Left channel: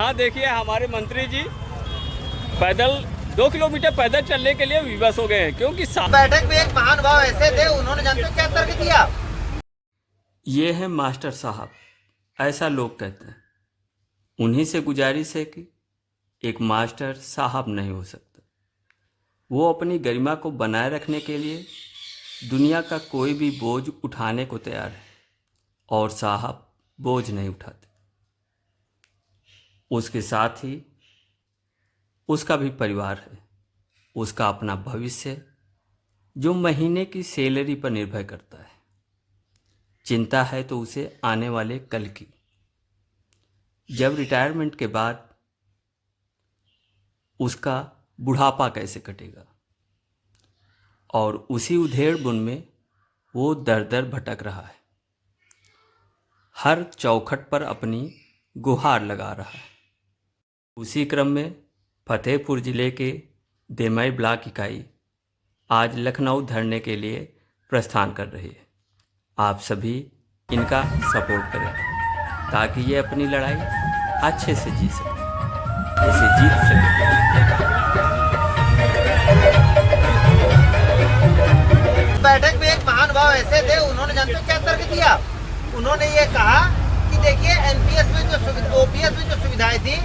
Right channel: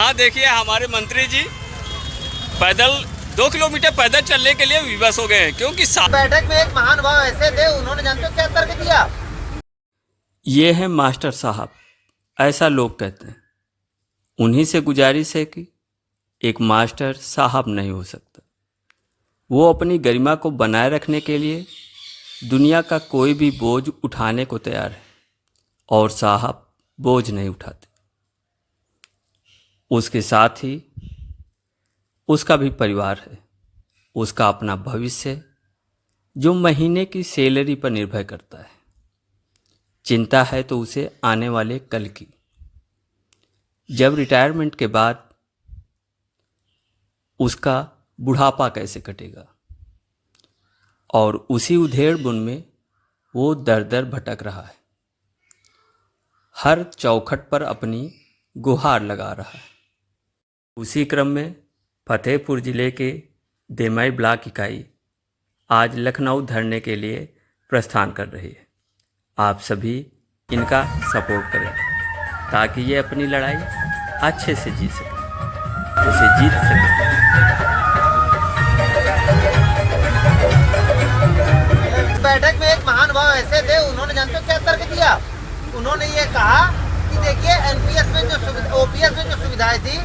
हाँ देखिए, हमारे मंत्री जी पैदल 2 किलोमीटर पैदल चलने के लिए विवश हो गए हैं, क्योंकि बैठक में एक महानुभाव ऐसे थे, उन्होंने जानते क्या तर्क दिया। ये है मास्टर साहब, ऐसा लोग कहते हैं। उन्हीं से गुजारिश है कि एक मास्टर साहब नहीं हो सकता। वो अपनी गरिमा को बनाए रखने के लिए दुनिया का कोई भी बोझ उठाने को तैयार है, और साहब बोझ नहीं उठाते। उसके साथ ही उसका भी परिवार है, उसका अपना भविष्य है, जो महीने की सैलरी पर निर्भर करता है। चिंता है तो उसे आने वाले कल की, जब रिटायरमेंट के बाद उसका बुढ़ापा कैसे कटेगा। और उसी उधेड़ बुन में वो दर दर भटक रहा है, हर चौखट पर अपनी गुहार लगा रहा है। उसी क्रम में फतेहपुर ज़िले के देमई ब्लॉक इकाई आज लखनऊ धरने के लिए प्रस्थान कर रही है। आप सभी इनका सपोर्ट करें ताकि ये अपनी लड़ाई अच्छे से जीत सके, इसे जीत सके। बैठक में एक महानुभाव ऐसे थे, उन्होंने जानते क्या तर्क दिया। उन्होंने ये कहा कि देखिए एनपीएस में जो ओपीएस में जो सुविधाएं थी,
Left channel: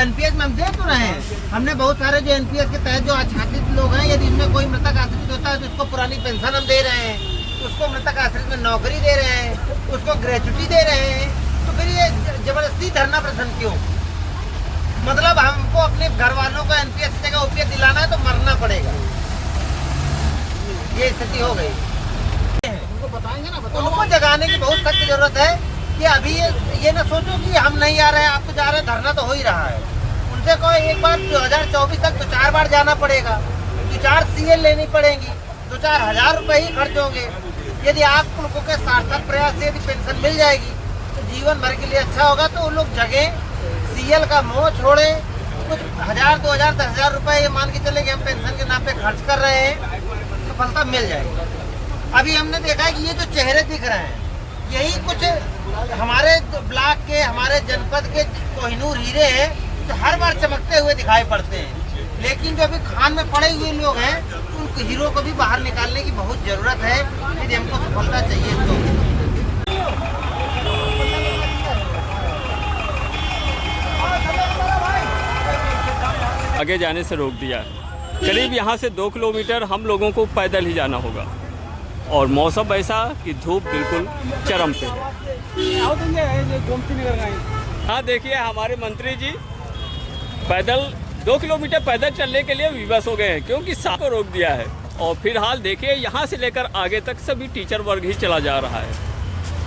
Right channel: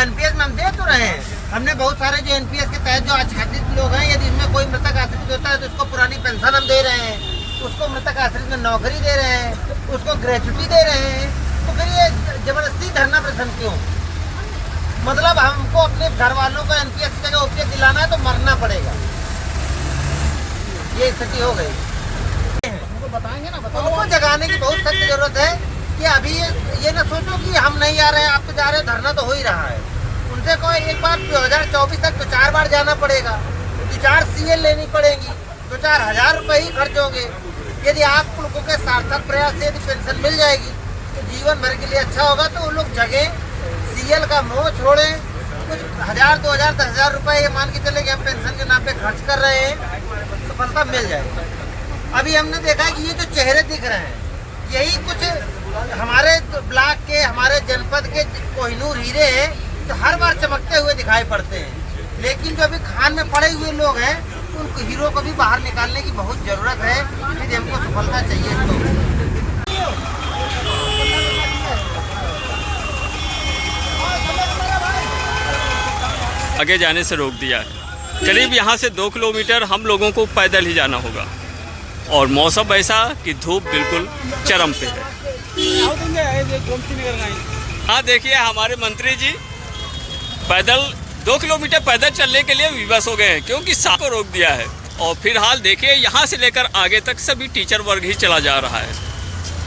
एनपीएस में हम दे तो रहे हैं। हमने बहुत सारे जो एनपीएस के तहत जो आच्छादित लोग हैं, यदि इसमें कोई मृतक आश्रित होता है तो उसको पुरानी पेंशन हम दे रहे हैं, उसको मृतक आश्रित में नौकरी दे रहे हैं, उसको ग्रेच्युटी दे रहे हैं। तो फिर ये जबरदस्ती धरना प्रदर्शन क्यों? मतलब हमको अपने घर वालों को एनपीएस की जगह ओपीएस दिलाना है तो मरना पड़ेगा। ये स्थिति हो गई। उनको बताएंगे ना, उनको जगाने की बहुत सख्त जरूरत है कि अभी ये ना सोचो कि हम नहीं आ रहे हैं, आप तो जा रहे हैं, धरना तो हो ही रहा है। उनसे कोई एक बार 2024 तक तो 4 बार जाना पड़ेगा, 2-4 सीएल लेनी पड़ेंगी, 2-4 हजार रुपये ही खर्च होंगे। यदि आप लोगों के सार्थक प्रयास से यदि पेंशन मिल जाएगी तो जीवन भर के लिए अच्छा होगा। तो वो लोग जगें, सीएल का मोह छोड़ें, कुछ 1000, 2000, 10,000 रुपये ये मान के चले कि हम पेंशन के नाम पे खर्च कर रहे हैं, सफलता मिल जाएगी। अभी हमने देखा है कि ये जो चेहरे दिख रहे हैं, यही कुछ हमारे ब्लॉक के, हमारे जनपद के कोहिनूर हीरे हैं जो हर बार चमकते हुए दिखाई पड़ते हैं। लेकिन जो अभी खान में पड़े हुए लोग हैं, उन हीरो को भी बाहर निकालने की बहुत जरूरत है। यदि हमको सफलता चाहिए तो आगे जाने से रोक दिया है। करीब यहाँ से 2 किलोमीटर हम लोगों को पैदल ही जाना होगा, और मौसम ऐसा कि धूप बिल्कुल चरम पे है। हाँ देखिए, हमारे मंत्री जी पैदल 2 किलोमीटर पैदल चलने के लिए विवश हो गए हैं, क्योंकि साथ को रोक दिया है। और फिलहाल देखिए, यहाँ से लेकर आगे तक सभी टीचर वर्ग ही चला जा रहा है।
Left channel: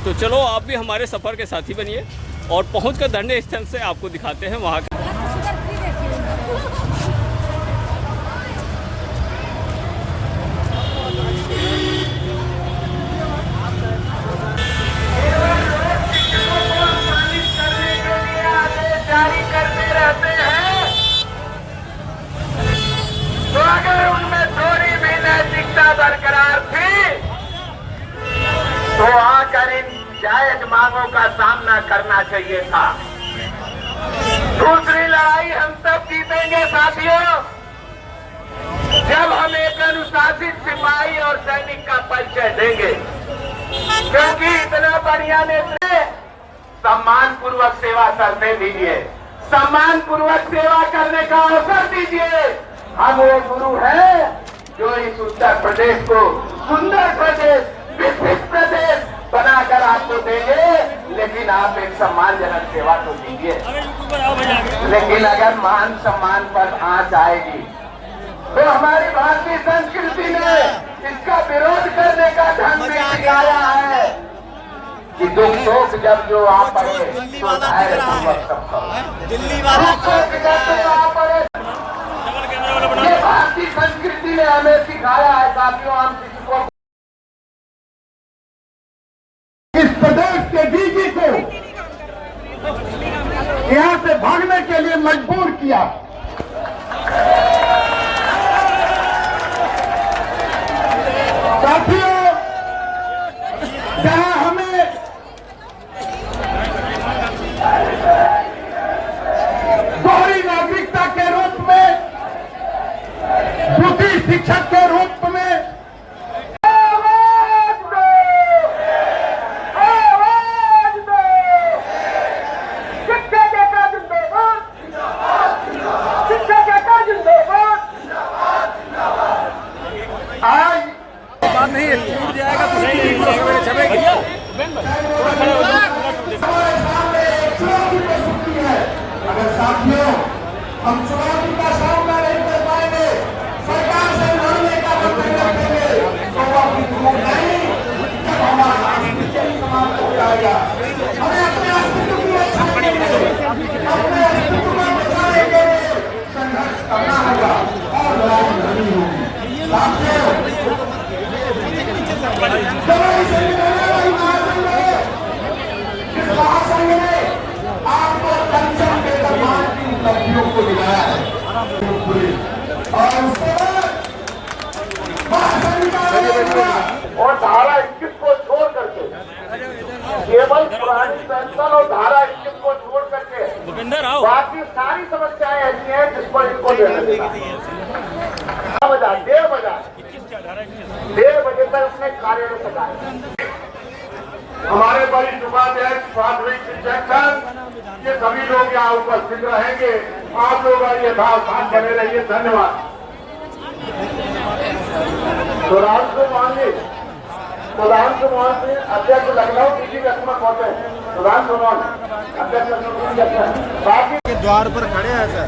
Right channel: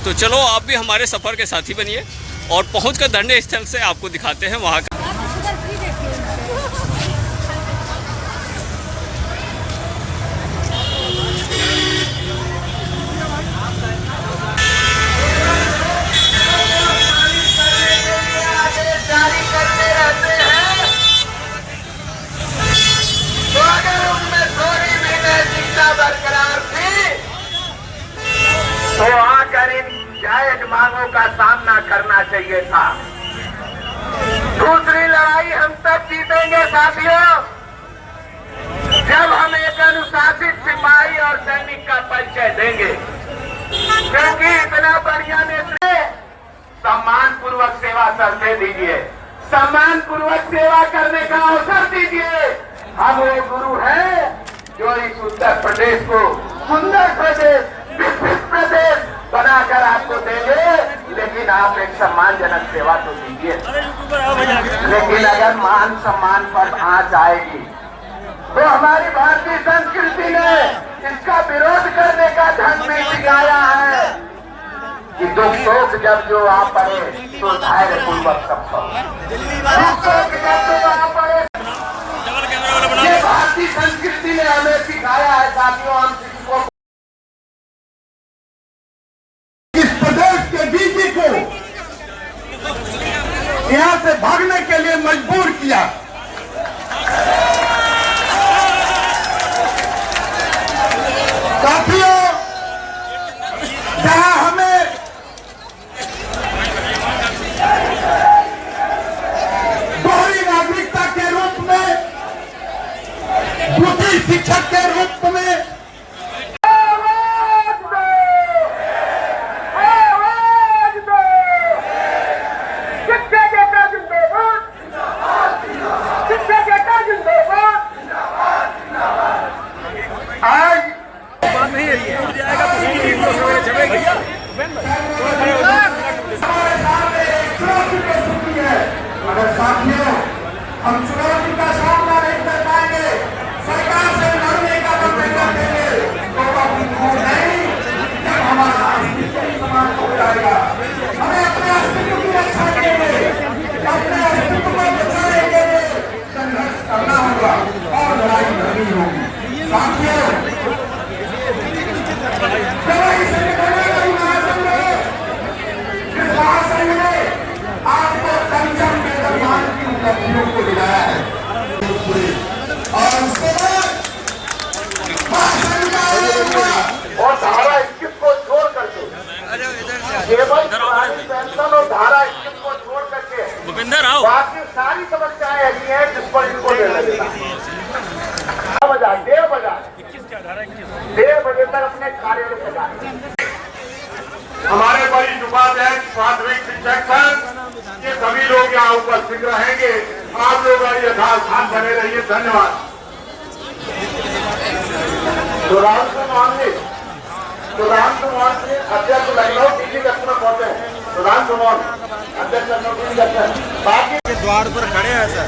तो चलो आप भी हमारे सफ़र के साथी बनिए, और पहुँचकर धरने स्थल से आपको दिखाते हैं वहाँ का। बरकरार थी तो आकर इन जायज मांगों का सामना करना चाहिए था। दूसरी लड़ाई हम तब जीतेंगे साथियों, जब हम एक अनुशासित सिपाही और सैनिक का परिचय देंगे। क्योंकि इतना बढ़िया नेता, सम्मान पूर्वक सेवा करते दीजिए, सम्मान पूर्वक सेवा करने का अवसर दीजिए। हम वो गुरु हैं जो इस उत्तर प्रदेश को सुंदर प्रदेश, विकसित प्रदेश बनाकर आपको देंगे। लेकिन आप एक सम्मानजनक सेवा तो दीजिए। लेकिन अगर मान सम्मान पर आंच आएगी तो हमारी भारतीय संस्कृति ने इसका विरोध करने का ढंग भी सिखाया है कि दुख सुख जब जो आ पड़े तो धैर्य पूर्वक सब दुख सुख जब जो आ पड़े। ये भारतीय संस्कृति ने हमें सिखाया है साथियों। हम किसी को इस प्रदेश के डीजी को यहाँ से भागने के लिए मजबूर किया। साथियों, जहां हमें अगर साथियों हम चुनौती का सामना नहीं कर पाएंगे, सरकार से लड़ने का मंत्र रखेंगे, तो अपनी भूख नहीं, जब हमारा अस्तित्व समाप्त हो जाएगा। हमें अपने अस्तित्व की रक्षा करेंगे, अपने अस्तित्व को बचाने के लिए संघर्ष करना होगा और लड़ाई करनी होगी। साथियों, लड़ाई से निकलने वाली महासंघ है, जिस महासंघ ने आपको पंचम वेतनमान की उपलब्धियों को दिलाया है, और उसके बाद महासंघ का और धारा 21 को छोड़ करके केवल पेंशन और धारा 21 को छोड़ करके भूपेंद्र आओ, बाकी सारी समस्याएं ऐसी हैं जिसको इनको देना बजा 1:30 बजे तक अपने कार्य में लगाए। हमारे वरिष्ठ उपाध्यक्ष प्राथमिक शिक्षक संघ ये सभी लोग यहाँ उपस्थित रहेंगे। आप लोग यथास्थान बने रहिए। धन्यवाद। सुधांशु मोहन जी अध्यक्ष लखनऊ टीवी दक्षिण पहुंचे हैं। सुधांशु मोहन अध्यक्ष लखनऊ टीवी दक्षिण। बाकी द्वार पर खड़े हैं सर।